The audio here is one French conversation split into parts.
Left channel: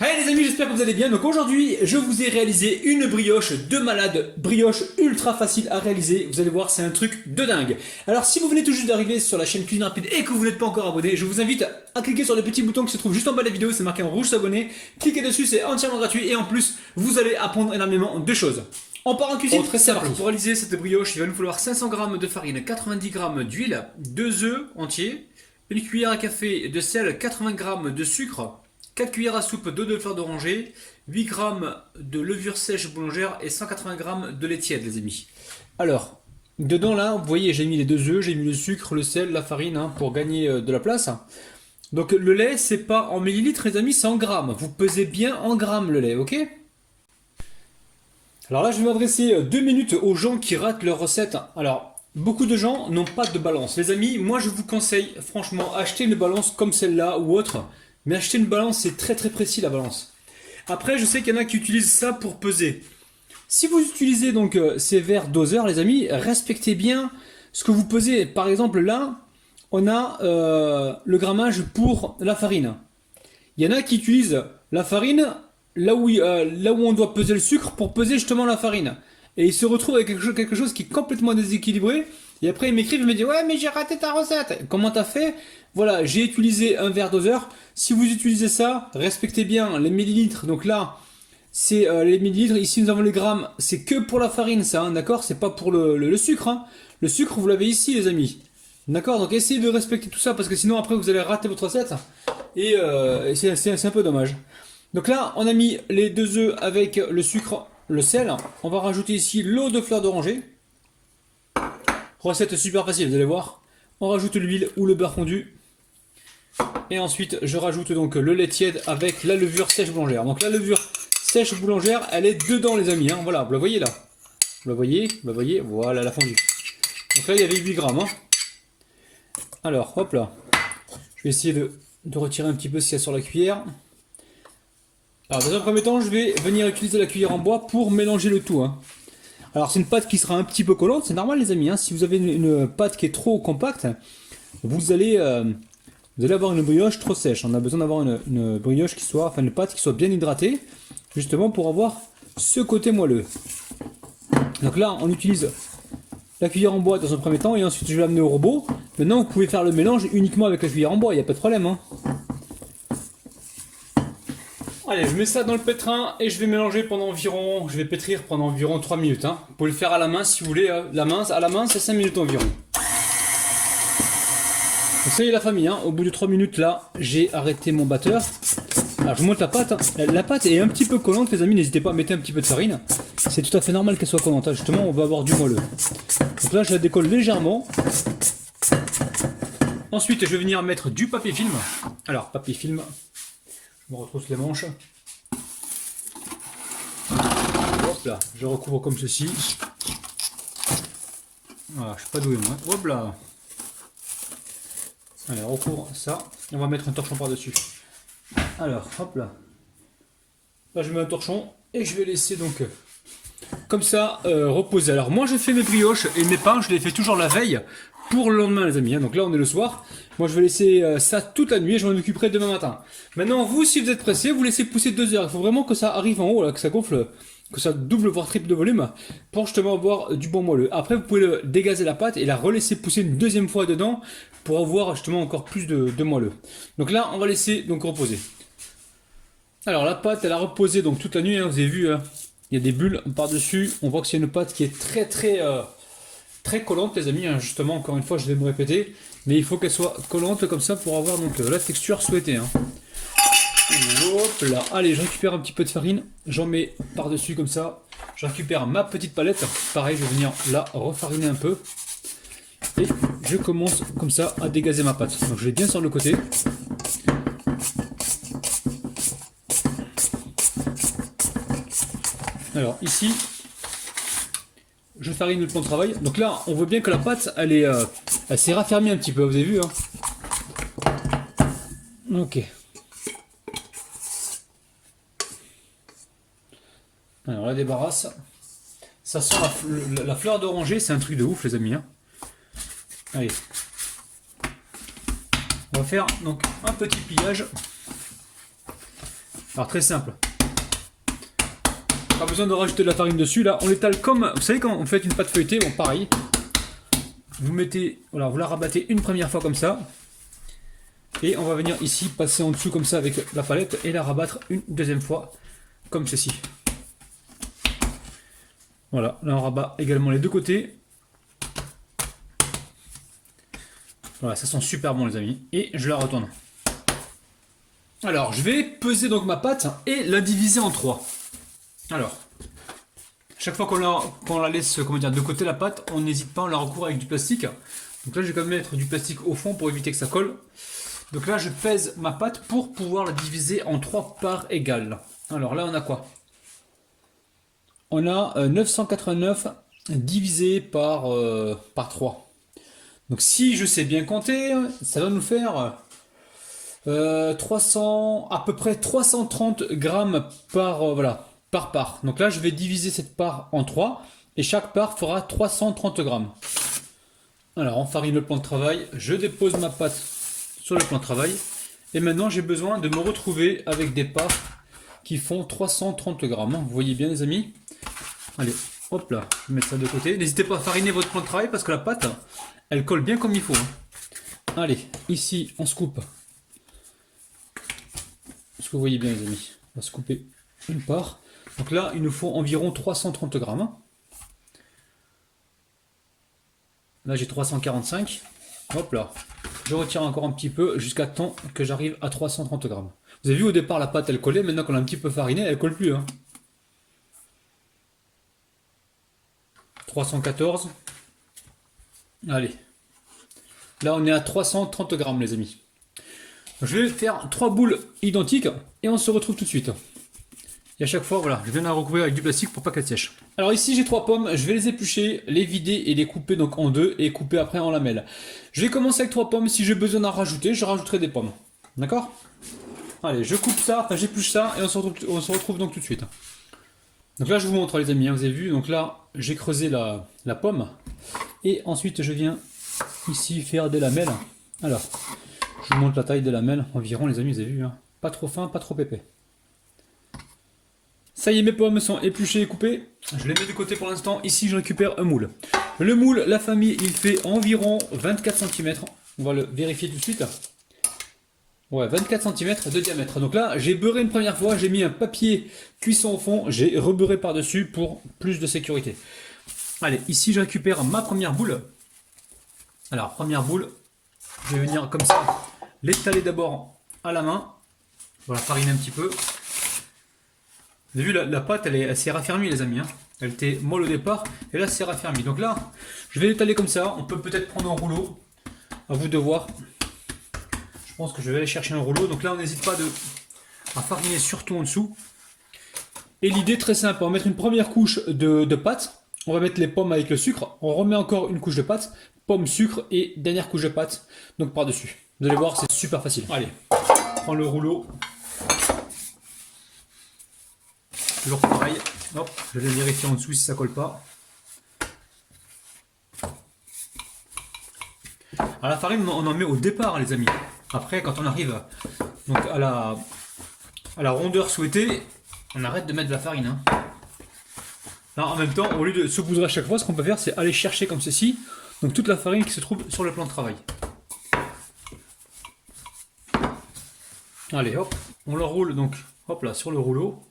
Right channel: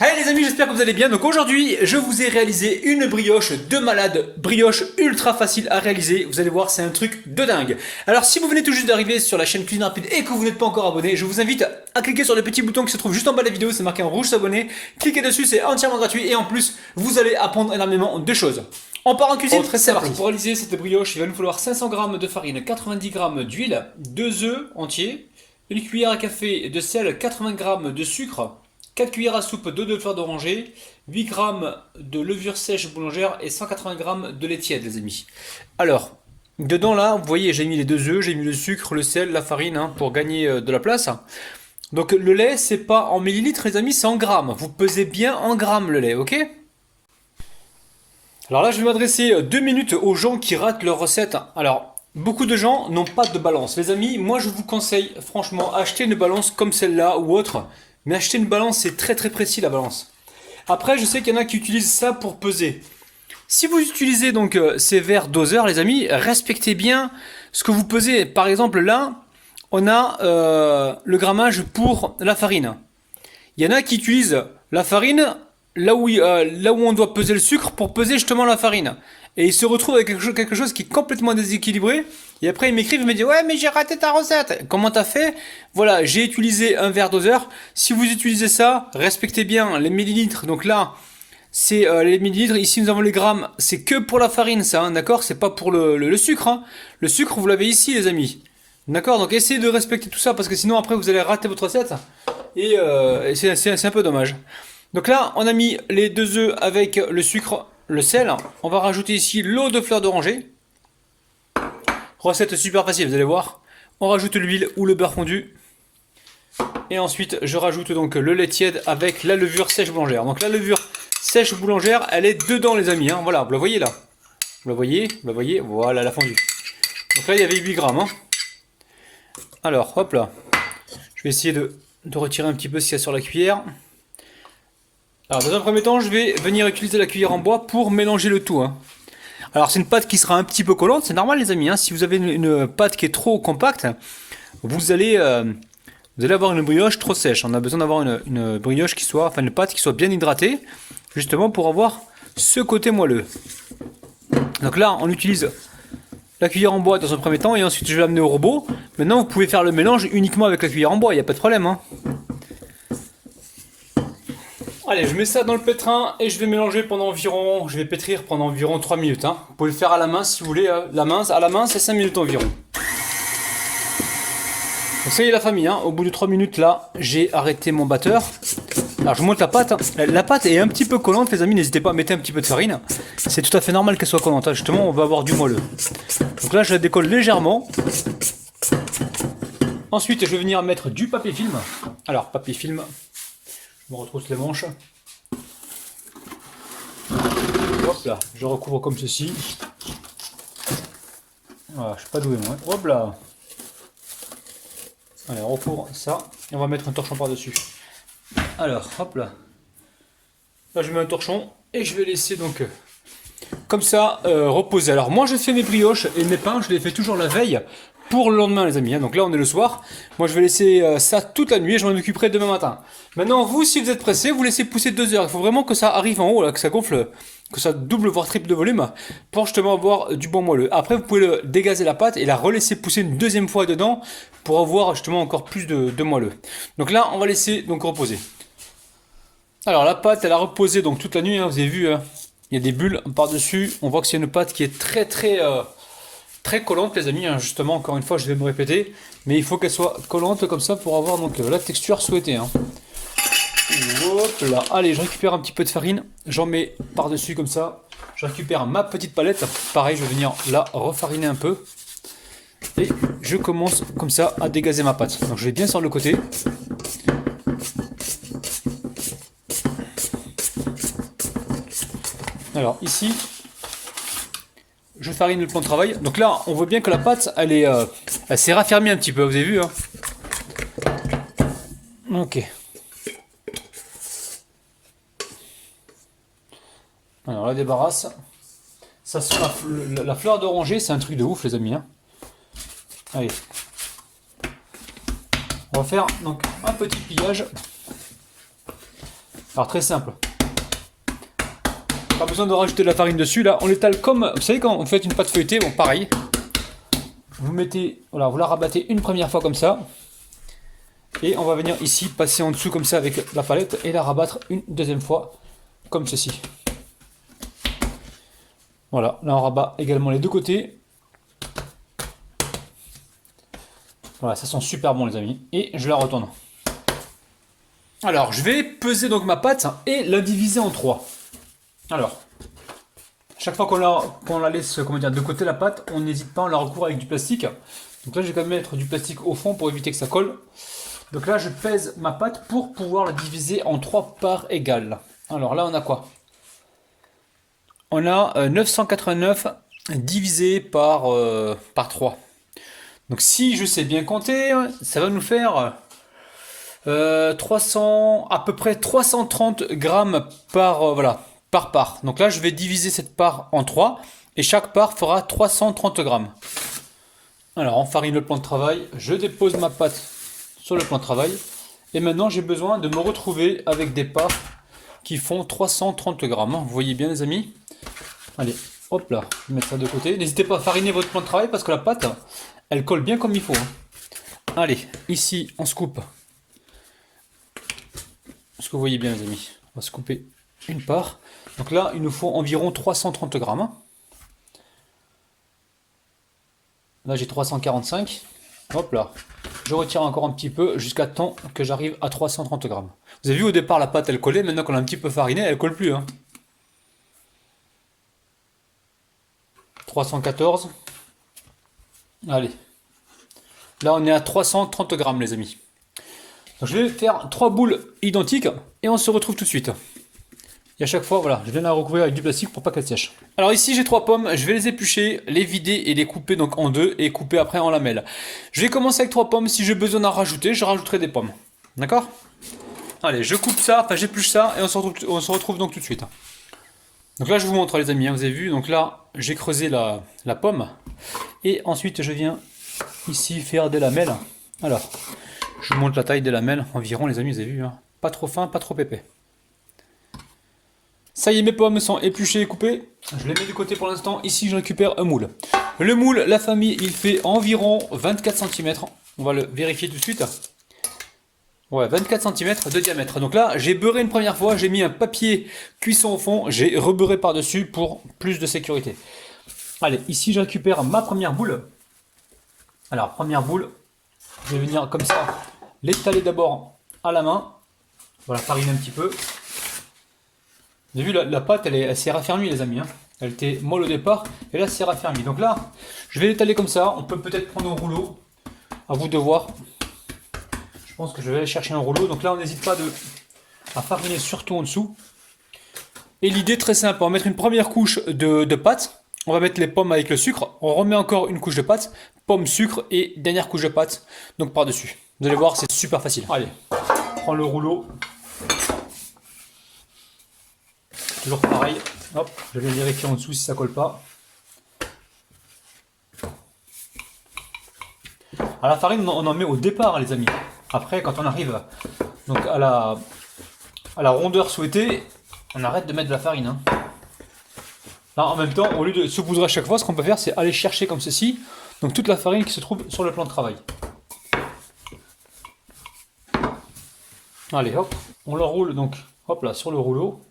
Allez les amis, j'espère que vous allez bien. Donc aujourd'hui, je vous ai réalisé une brioche de malade, brioche ultra facile à réaliser. Vous allez voir, c'est un truc de dingue. Alors si vous venez tout juste d'arriver sur la chaîne Cuisine Rapide et que vous n'êtes pas encore abonné, je vous invite à cliquer sur le petit bouton qui se trouve juste en bas de la vidéo, c'est marqué en rouge s'abonner. Cliquez dessus, c'est entièrement gratuit et en plus, vous allez apprendre énormément de choses. On part en cuisine. Très simple. Pour réaliser cette brioche, il va nous falloir 500 g de farine, 90 g d'huile, 2 œufs entiers, une cuillère à café de sel, 80 g de sucre, 4 cuillères à soupe d'eau de fleur d'oranger, 8 g de levure sèche boulangère et 180 g de lait tiède, les amis. Alors, dedans là, vous voyez, j'ai mis les 2 œufs, j'ai mis le sucre, le sel, la farine pour gagner de la place. Donc le lait, c'est pas en millilitres, les amis, c'est en grammes. Vous pesez bien en grammes le lait, ok? Alors là, je vais m'adresser 2 minutes aux gens qui ratent leur recette. Alors, beaucoup de gens n'ont pas de balance. Les amis, moi je vous conseille, franchement, acheter une balance comme celle-là ou autre. Mais acheter une balance, c'est très très précis la balance. Après, je sais qu'il y en a qui utilisent ça pour peser. Si vous utilisez donc ces verres doseurs, les amis, respectez bien ce que vous pesez. Par exemple, là, on a le grammage pour la farine. Il y en a qui utilisent la farine là où on doit peser le sucre pour peser justement la farine. Et ils se retrouvent avec quelque chose qui est complètement déséquilibré. Et après, ils m'écrivent, ils me disent ouais, mais j'ai raté ta recette. Comment t'as fait? Voilà, j'ai utilisé un verre doseur. Si vous utilisez ça, respectez bien les millilitres. Donc là, c'est les millilitres. Ici, nous avons les grammes. C'est que pour la farine, ça, hein, d'accord? C'est pas pour le sucre. Hein. Le sucre, vous l'avez ici, les amis. D'accord? Donc essayez de respecter tout ça parce que sinon, après, vous allez rater votre recette. Et c'est un peu dommage. Donc là, on a mis les 2 œufs avec le sucre, le sel. On va rajouter ici l'eau de fleur d'oranger. Recette super facile, vous allez voir. On rajoute l'huile ou le beurre fondu. Et ensuite, je rajoute donc le lait tiède avec la levure sèche boulangère. Donc la levure sèche boulangère, elle est dedans les amis. Hein. Voilà, vous la voyez là. Vous la voyez, voilà, la fondue. Donc là, il y avait 8 grammes. Hein. Alors, hop là. Je vais essayer de retirer un petit peu ce qu'il y a sur la cuillère. Alors, dans un premier temps, je vais venir utiliser la cuillère en bois pour mélanger le tout. Hein. Alors, c'est une pâte qui sera un petit peu collante, c'est normal, les amis. Hein. Si vous avez une pâte qui est trop compacte, vous allez avoir une brioche trop sèche. On a besoin d'avoir une brioche qui soit, enfin une pâte qui soit bien hydratée, justement pour avoir ce côté moelleux. Donc là, on utilise la cuillère en bois dans un premier temps et ensuite je vais l'amener au robot. Maintenant, vous pouvez faire le mélange uniquement avec la cuillère en bois, il n'y a pas de problème. Hein. Allez, je mets ça dans le pétrin et je vais mélanger pendant environ, je vais pétrir pendant environ 3 minutes. Hein. Vous pouvez le faire à la main si vous voulez, à la main c'est 5 minutes environ. Donc ça y est la famille, hein. Au bout de 3 minutes là, j'ai arrêté mon batteur. Alors je monte la pâte, hein. La pâte est un petit peu collante les amis, n'hésitez pas à mettre un petit peu de farine. C'est tout à fait normal qu'elle soit collante, hein. Justement on va avoir du moelleux. Donc là je la décolle légèrement. Ensuite je vais venir mettre du papier film. Alors papier film, je me retrousse les manches. Hop là, je recouvre comme ceci. Voilà, je suis pas doué moi. Hop là. Allez, on recouvre ça et on va mettre un torchon par dessus. Alors, hop là. Là, je mets un torchon et je vais laisser donc comme ça reposer. Alors, moi, je fais mes brioches et mes pains, je les fais toujours la veille pour le lendemain, les amis. Hein. Donc là, on est le soir. Moi, je vais laisser ça toute la nuit et je m'en occuperai demain matin. Maintenant, vous, si vous êtes pressé, vous laissez pousser 2 heures. Il faut vraiment que ça arrive en haut, là, que ça gonfle, que ça double voire triple de volume pour justement avoir du bon moelleux. Après, vous pouvez dégazer la pâte et la relaisser pousser une deuxième fois dedans pour avoir justement encore plus de moelleux. Donc là, on va laisser donc reposer. Alors la pâte, elle a reposé donc toute la nuit. Hein, vous avez vu, hein, il y a des bulles par-dessus. On voit que c'est une pâte qui est très collante, les amis. Hein, justement, encore une fois, je vais me répéter, mais il faut qu'elle soit collante comme ça pour avoir donc la texture souhaitée. Hein. Hop là. Allez, je récupère un petit peu de farine, j'en mets par-dessus comme ça. Je récupère ma petite palette. Pareil, je vais venir la refariner un peu. Et je commence comme ça à dégazer ma pâte. Donc je vais bien sur le côté. Alors ici, je farine le plan de travail. Donc là, on voit bien que la pâte, elle s'est raffermie un petit peu. Vous avez vu, hein? Ok. Alors la débarrasse. Ça sent la fleur d'oranger, c'est un truc de ouf, les amis. Hein. Allez. On va faire donc un petit pliage. Alors très simple. Pas besoin de rajouter de la farine dessus. Là, on l'étale comme... Vous savez quand vous faites une pâte feuilletée, bon pareil. Vous mettez... Voilà, vous la rabattez une première fois comme ça. Et on va venir ici passer en dessous comme ça avec la palette et la rabattre une deuxième fois comme ceci. Voilà, là on rabat également les deux côtés. Voilà, ça sent super bon les amis. Et je la retourne. Alors, je vais peser donc ma pâte et la diviser en 3. Alors, chaque fois qu'on la laisse, comment dire, de côté la pâte, on n'hésite pas, on la recouvre avec du plastique. Donc là, je vais quand même mettre du plastique au fond pour éviter que ça colle. Donc là, je pèse ma pâte pour pouvoir la diviser en 3 parts égales. Alors là, on a quoi? On a 989 divisé par 3. Donc si je sais bien compter, ça va nous faire 300, à peu près 330 grammes par, voilà, par part. Donc là, je vais diviser cette part en 3 et chaque part fera 330 grammes. Alors, on farine le plan de travail. Je dépose ma pâte sur le plan de travail. Et maintenant, j'ai besoin de me retrouver avec des parts qui font 330 grammes. Vous voyez bien, les amis? Allez, hop là, je vais mettre ça de côté. N'hésitez pas à fariner votre plan de travail parce que la pâte, elle colle bien comme il faut. Allez, ici, on se coupe. Ce que vous voyez bien, les amis. On va se couper une part. Donc là, il nous faut environ 330 grammes. Là, j'ai 345. Hop là. Je retire encore un petit peu jusqu'à temps que j'arrive à 330 grammes. Vous avez vu, au départ, la pâte, elle collait. Maintenant qu'on a un petit peu fariné, elle colle plus. 314. Allez. Là, on est à 330 grammes, les amis. Donc, je vais faire 3 boules identiques et on se retrouve tout de suite. Et à chaque fois, voilà, je viens la recouvrir avec du plastique pour pas qu'elle sèche. Alors ici, j'ai 3 pommes. Je vais les éplucher, les vider et les couper donc en deux et couper après en lamelles. Je vais commencer avec 3 pommes. Si j'ai besoin d'en rajouter, je rajouterai des pommes. D'accord? Allez, je coupe ça, enfin j'épluche ça et on se retrouve donc tout de suite. Donc là, je vous montre les amis, vous avez vu. Donc là, j'ai creusé la pomme. Et ensuite, je viens ici faire des lamelles. Alors, je vous montre la taille des lamelles environ les amis, vous avez vu. Pas trop fin, pas trop épais. Ça y est, mes pommes sont épluchées et coupées. Je les mets de côté pour l'instant. Ici, je récupère un moule. Le moule, la famille, il fait environ 24 cm. On va le vérifier tout de suite. Ouais, 24 cm de diamètre. Donc là, j'ai beurré une première fois. J'ai mis un papier cuisson au fond. J'ai rebeurré par-dessus pour plus de sécurité. Allez, ici, je récupère ma première boule. Alors, première boule. Je vais venir comme ça l'étaler d'abord à la main. Voilà, fariner un petit peu. Vous avez vu, la pâte, elle s'est raffermie, les amis. Elle était molle au départ, et là, c'est raffermi. Donc là, je vais l'étaler comme ça. On peut peut-être prendre un rouleau. À vous de voir. Je pense que je vais aller chercher un rouleau. Donc là, on n'hésite pas à fariner surtout en dessous. Et l'idée, très simple, on va mettre une première couche de pâte. On va mettre les pommes avec le sucre. On remet encore une couche de pâte. Pomme, sucre et dernière couche de pâte. Donc par-dessus. Vous allez voir, c'est super facile. Allez, on prend le rouleau. Toujours pareil, hop, je vais vérifier en dessous si ça colle pas. À la farine, on en met au départ, les amis. Après, quand on arrive donc à la rondeur souhaitée, on arrête de mettre de la farine. Là, en même temps, au lieu de saupoudrer à chaque fois, ce qu'on peut faire, c'est aller chercher comme ceci, donc toute la farine qui se trouve sur le plan de travail. Allez, hop, on l'enroule donc, hop là, sur le rouleau.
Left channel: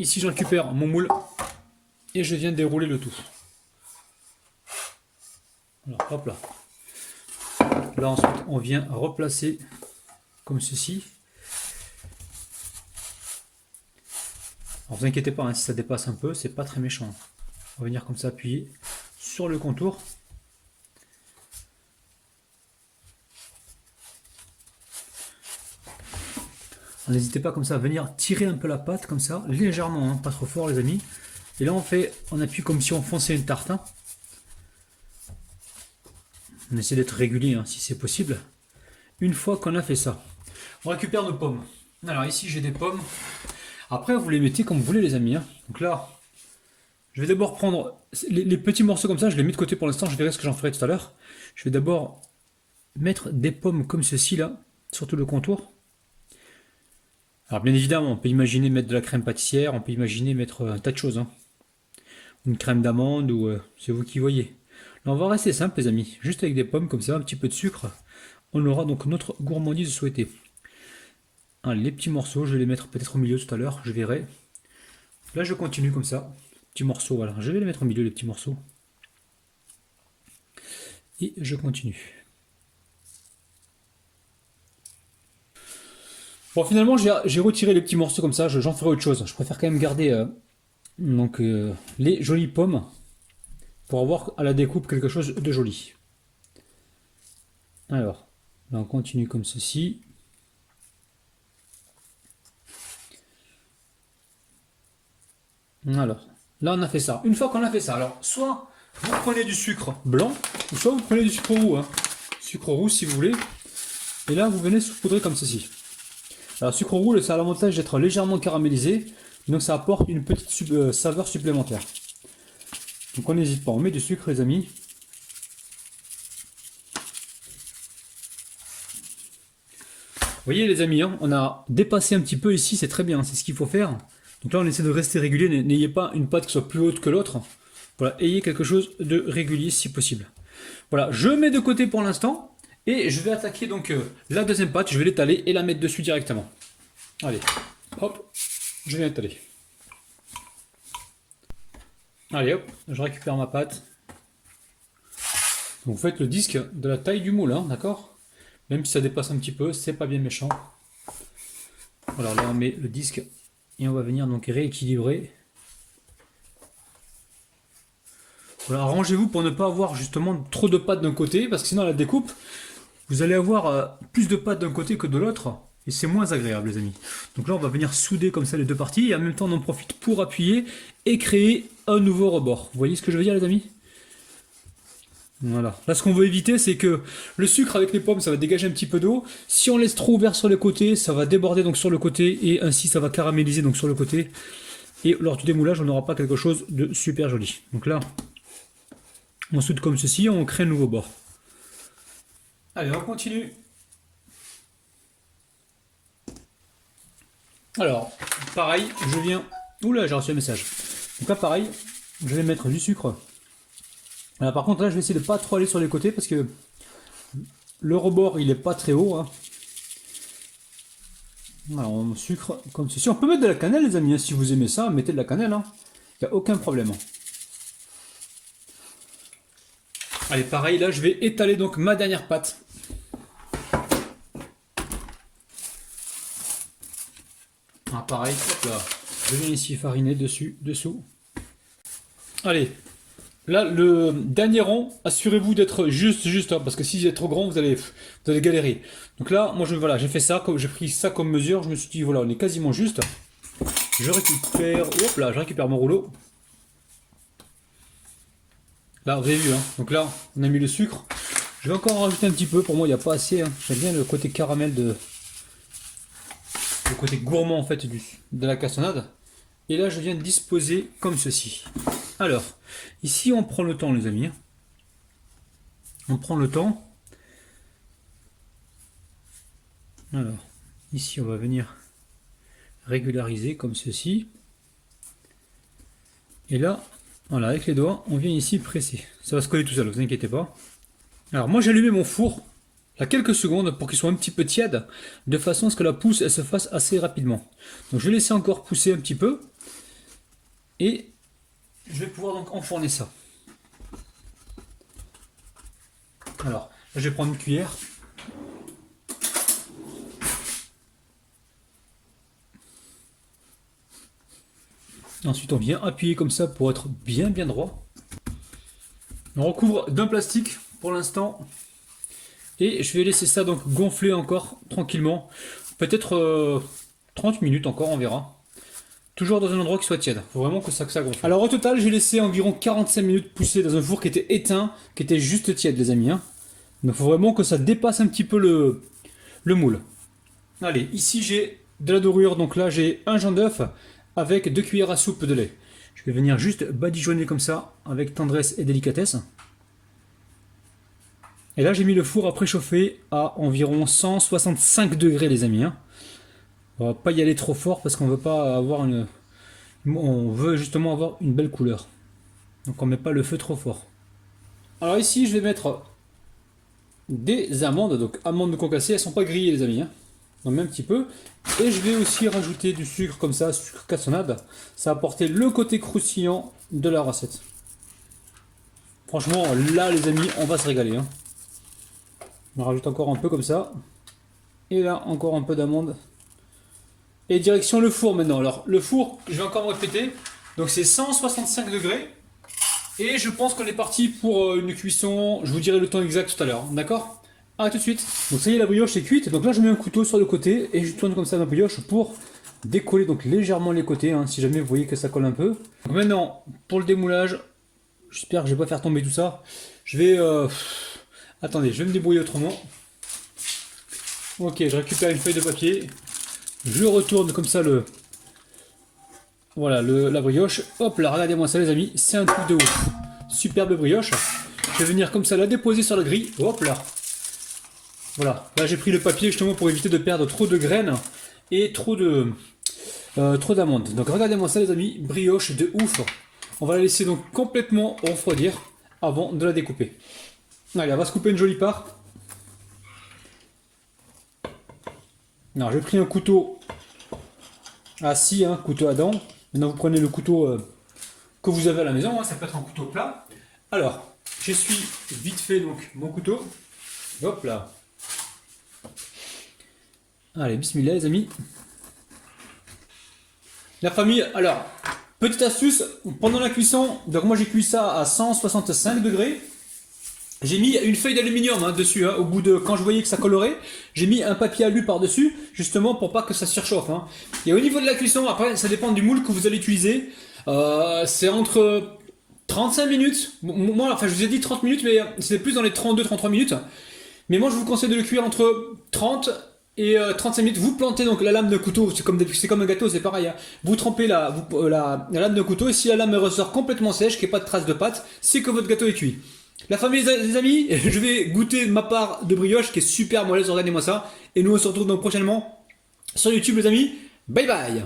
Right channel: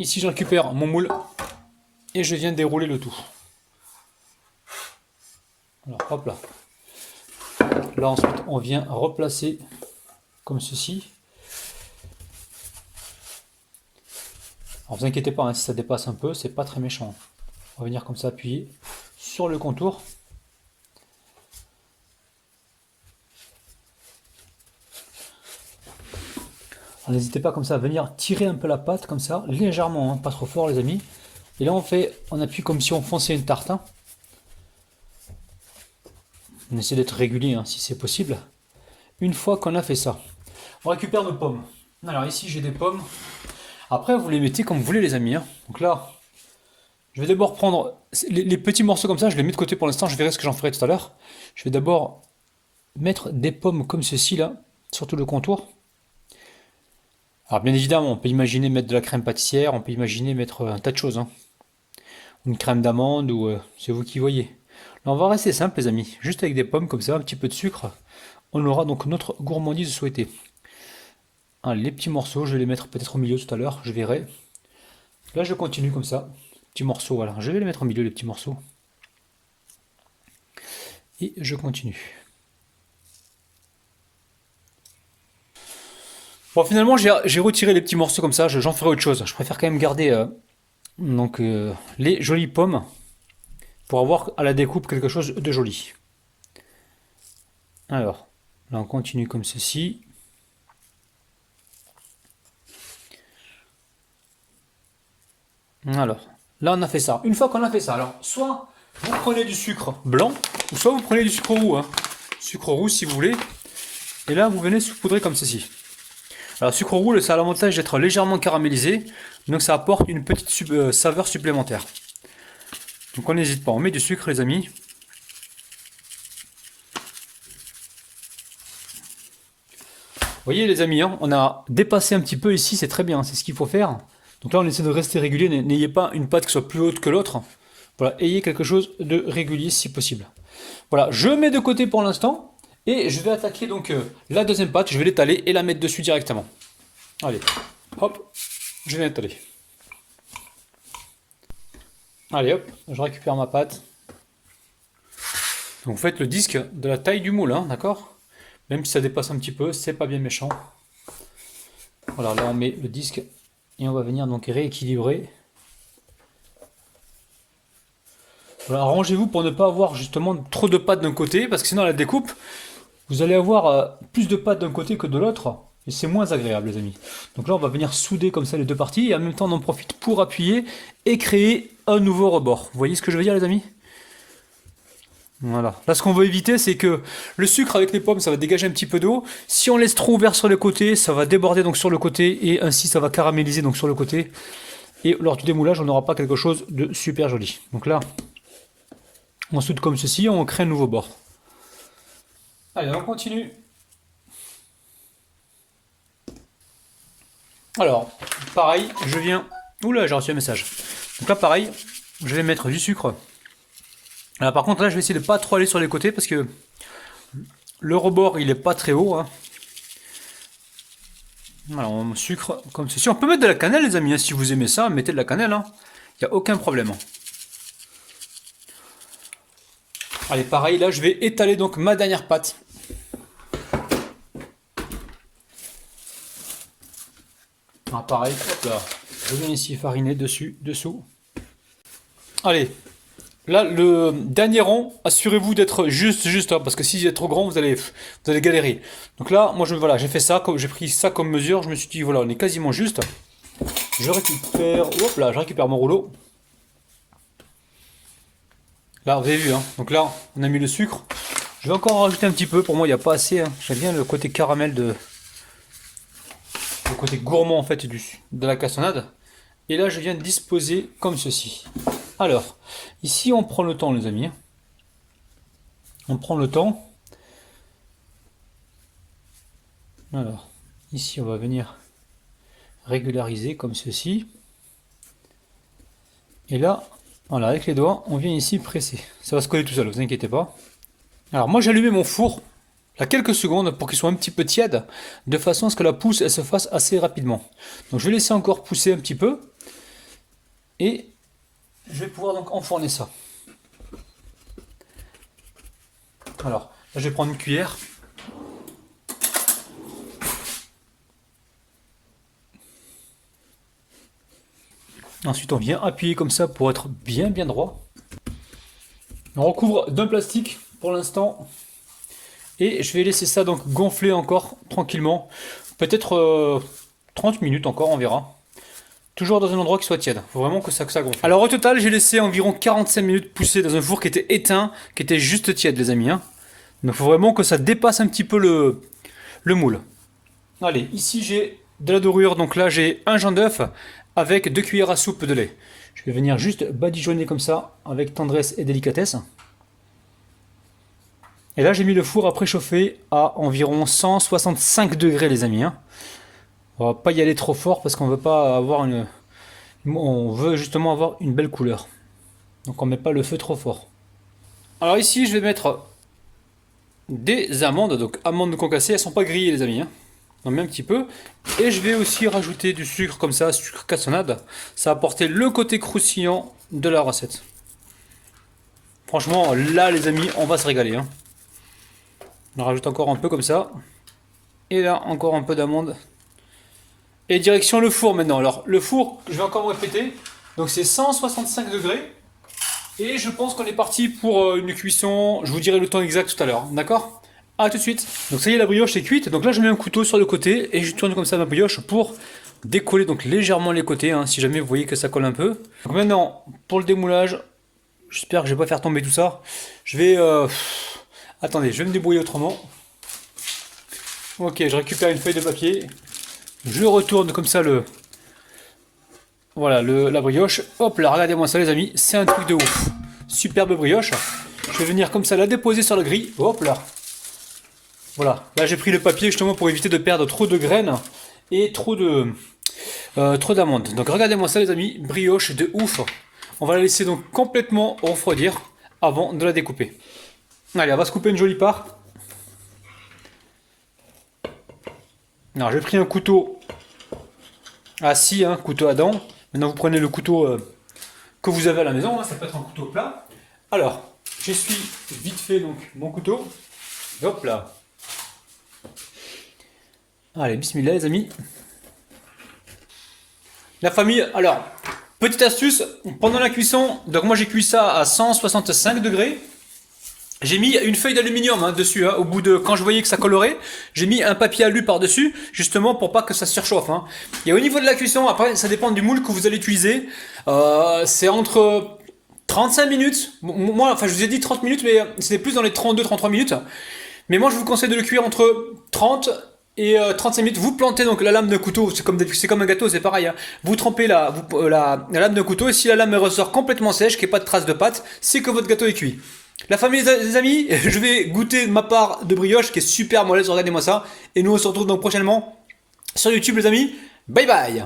Ici, je récupère mon moule et je viens dérouler le tout. Alors, hop là. Là, ensuite, on vient replacer comme ceci. Alors, vous inquiétez pas, si ça dépasse un peu, c'est pas très méchant. On va venir comme ça appuyer sur le contour. N'hésitez pas comme ça à venir tirer un peu la pâte comme ça, légèrement, pas trop fort les amis. Et là on appuie comme si on fonçait une tarte. On essaie d'être régulier si c'est possible. Une fois qu'on a fait ça, on récupère nos pommes. Alors ici j'ai des pommes. Après vous les mettez comme vous voulez les amis. Donc là, je vais d'abord prendre les petits morceaux comme ça, je les mets de côté pour l'instant, je verrai ce que j'en ferai tout à l'heure. Je vais d'abord mettre des pommes comme ceci là, sur tout le contour. Alors bien évidemment, on peut imaginer mettre de la crème pâtissière, on peut imaginer mettre un tas de choses, hein. Une crème d'amande ou c'est vous qui voyez. Là, on va rester simple, les amis, juste avec des pommes comme ça, un petit peu de sucre. On aura donc notre gourmandise souhaitée. Allez, les petits morceaux, je vais les mettre peut-être au milieu tout à l'heure, je verrai. Là, je continue comme ça. Petits morceaux, voilà. Je vais les mettre au milieu, les petits morceaux. Et je continue. Bon, finalement, j'ai retiré les petits morceaux comme ça. J'en ferai autre chose. Je préfère quand même garder les jolies pommes pour avoir à la découpe quelque chose de joli. Alors, là, on continue comme ceci. Alors, là, on a fait ça. Une fois qu'on a fait ça, alors, soit vous prenez du sucre blanc, ou soit vous prenez du sucre roux, hein. Sucre roux si vous voulez. Et là, vous venez saupoudrer comme ceci. Alors, sucre roux, ça a l'avantage d'être légèrement caramélisé, donc ça apporte une petite saveur supplémentaire. Donc, on n'hésite pas, on met du sucre, les amis. Vous voyez, les amis, hein, on a dépassé un petit peu ici, c'est très bien, c'est ce qu'il faut faire. Donc là, on essaie de rester régulier, n'ayez pas une pâte qui soit plus haute que l'autre. Voilà, ayez quelque chose de régulier si possible. Voilà, je mets de côté pour l'instant. Et je vais attaquer donc la deuxième pâte, je vais l'étaler et la mettre dessus directement. Allez, hop, je vais l'étaler. Allez hop, je récupère ma pâte. Donc vous faites le disque de la taille du moule, hein, d'accord? Même si ça dépasse un petit peu, c'est pas bien méchant. Voilà, là on met le disque et on va venir donc rééquilibrer. Voilà, arrangez-vous pour ne pas avoir justement trop de pâte d'un côté, parce que sinon à la découpe, vous allez avoir plus de pâte d'un côté que de l'autre, et c'est moins agréable, les amis. Donc là, on va venir souder comme ça les deux parties, et en même temps, on en profite pour appuyer et créer un nouveau rebord. Vous voyez ce que je veux dire, les amis? Voilà. Là, ce qu'on veut éviter, c'est que le sucre avec les pommes, ça va dégager un petit peu d'eau. Si on laisse trop ouvert sur les côtés, ça va déborder donc sur le côté, et ainsi, ça va caraméliser donc sur le côté. Et lors du démoulage, on n'aura pas quelque chose de super joli. Donc là, on soude comme ceci, on crée un nouveau bord. Allez, on continue. Alors, pareil, je viens... Oula, j'ai reçu un message. Donc là, pareil, je vais mettre du sucre. Alors, par contre, là, je vais essayer de pas trop aller sur les côtés parce que le rebord, il est pas très haut, hein. Alors, on sucre comme ceci. On peut mettre de la cannelle, les amis, hein. Si vous aimez ça, mettez de la cannelle, hein. Il n'y a aucun problème. Allez, pareil, là, je vais étaler donc ma dernière pâte. Ah, pareil, hop là, je viens ici fariner dessus, dessous. Allez, là le dernier rond, assurez-vous d'être juste, hein, parce que si vous êtes trop grand, vous allez galérer. Donc là, moi voilà, j'ai fait ça, j'ai pris ça comme mesure, je me suis dit voilà, on est quasiment juste. Je récupère, hop là, je récupère mon rouleau. Là, vous avez vu, hein, donc là, on a mis le sucre. Je vais encore en rajouter un petit peu, pour moi il n'y a pas assez, hein. J'aime bien le côté caramel le côté gourmand en fait de la cassonade. Et là je viens de disposer comme ceci. Alors, ici on prend le temps, les amis. On prend le temps. Alors, ici on va venir régulariser comme ceci. Et là, voilà, avec les doigts, on vient ici presser. Ça va se coller tout seul, vous inquiétez pas. Alors moi j'ai allumé mon four à quelques secondes pour qu'il soit un petit peu tiède, de façon à ce que la pousse elle se fasse assez rapidement. Donc je vais laisser encore pousser un petit peu, et je vais pouvoir donc enfourner ça. Alors là je vais prendre une cuillère. Ensuite on vient appuyer comme ça pour être bien droit. On recouvre d'un plastique pour l'instant. Et je vais laisser ça donc gonfler encore tranquillement. Peut-être 30 minutes encore, on verra. Toujours dans un endroit qui soit tiède. Il faut vraiment que ça gonfle. Alors au total, j'ai laissé environ 45 minutes pousser dans un four qui était éteint, qui était juste tiède, les amis, hein. Donc il faut vraiment que ça dépasse un petit peu le moule. Allez, ici j'ai de la dorure. Donc là j'ai un jaune d'œuf avec 2 cuillères à soupe de lait. Je vais venir juste badigeonner comme ça avec tendresse et délicatesse. Et là, j'ai mis le four à préchauffer à environ 165 degrés, les amis, hein. On va pas y aller trop fort parce qu'on veut pas avoir une... On veut justement avoir une belle couleur. Donc on met pas le feu trop fort. Alors ici je vais mettre des amandes, donc amandes concassées, elles sont pas grillées les amis, hein. On met un petit peu. Et je vais aussi rajouter du sucre comme ça, sucre cassonade. Ça va apporter le côté croustillant de la recette. Franchement là les amis, on va se régaler, hein. On rajoute encore un peu comme ça. Et là encore un peu d'amandes. Et direction le four maintenant. Alors le four, je vais encore répéter. Donc c'est 165 degrés. Et je pense qu'on est parti pour une cuisson. Je vous dirai le temps exact tout à l'heure. D'accord? A tout de suite. Donc ça y est, la brioche est cuite. Donc là je mets un couteau sur le côté et je tourne comme ça ma brioche pour décoller donc légèrement les côtés, hein, si jamais vous voyez que ça colle un peu. Donc maintenant pour le démoulage, j'espère que je vais pas faire tomber tout ça. Je vais... Attendez, je vais me débrouiller autrement. Ok, je récupère une feuille de papier. Je retourne comme ça le... Voilà, la brioche. Hop là, regardez-moi ça les amis, c'est un truc de ouf. Superbe brioche. Je vais venir comme ça la déposer sur la grille. Hop là. Voilà, là j'ai pris le papier justement pour éviter de perdre trop de graines et trop d'amandes. Donc regardez-moi ça les amis, brioche de ouf. On va la laisser donc complètement refroidir avant de la découper. Allez, on va se couper une jolie part. Alors j'ai pris un couteau à scie, hein, couteau à dents. Maintenant vous prenez le couteau que vous avez à la maison, hein, ça peut être un couteau plat. Alors, j'essuie vite fait donc mon couteau. Hop là. Allez, bismillah les amis. La famille, alors, petite astuce, pendant la cuisson, donc moi j'ai cuit ça à 165 degrés. J'ai mis une feuille d'aluminium hein, dessus, hein, au bout de, quand je voyais que ça colorait, j'ai mis un papier alu par-dessus, justement pour pas que ça surchauffe. Hein. Et au niveau de la cuisson, après ça dépend du moule que vous allez utiliser, c'est entre 35 minutes, moi enfin je vous ai dit 30 minutes, mais c'était plus dans les 32-33 minutes. Mais moi je vous conseille de le cuire entre 30 et 35 minutes. Vous plantez donc la lame d'un couteau, c'est comme un gâteau, c'est pareil. Hein. Vous trempez la lame d'un couteau et si la lame ressort complètement sèche, qu'il n'y ait pas de traces de pâte, c'est que votre gâteau est cuit. La famille des amis, je vais goûter ma part de brioche qui est super moelleuse, regardez-moi ça. Et nous on se retrouve donc prochainement sur YouTube les amis. Bye bye.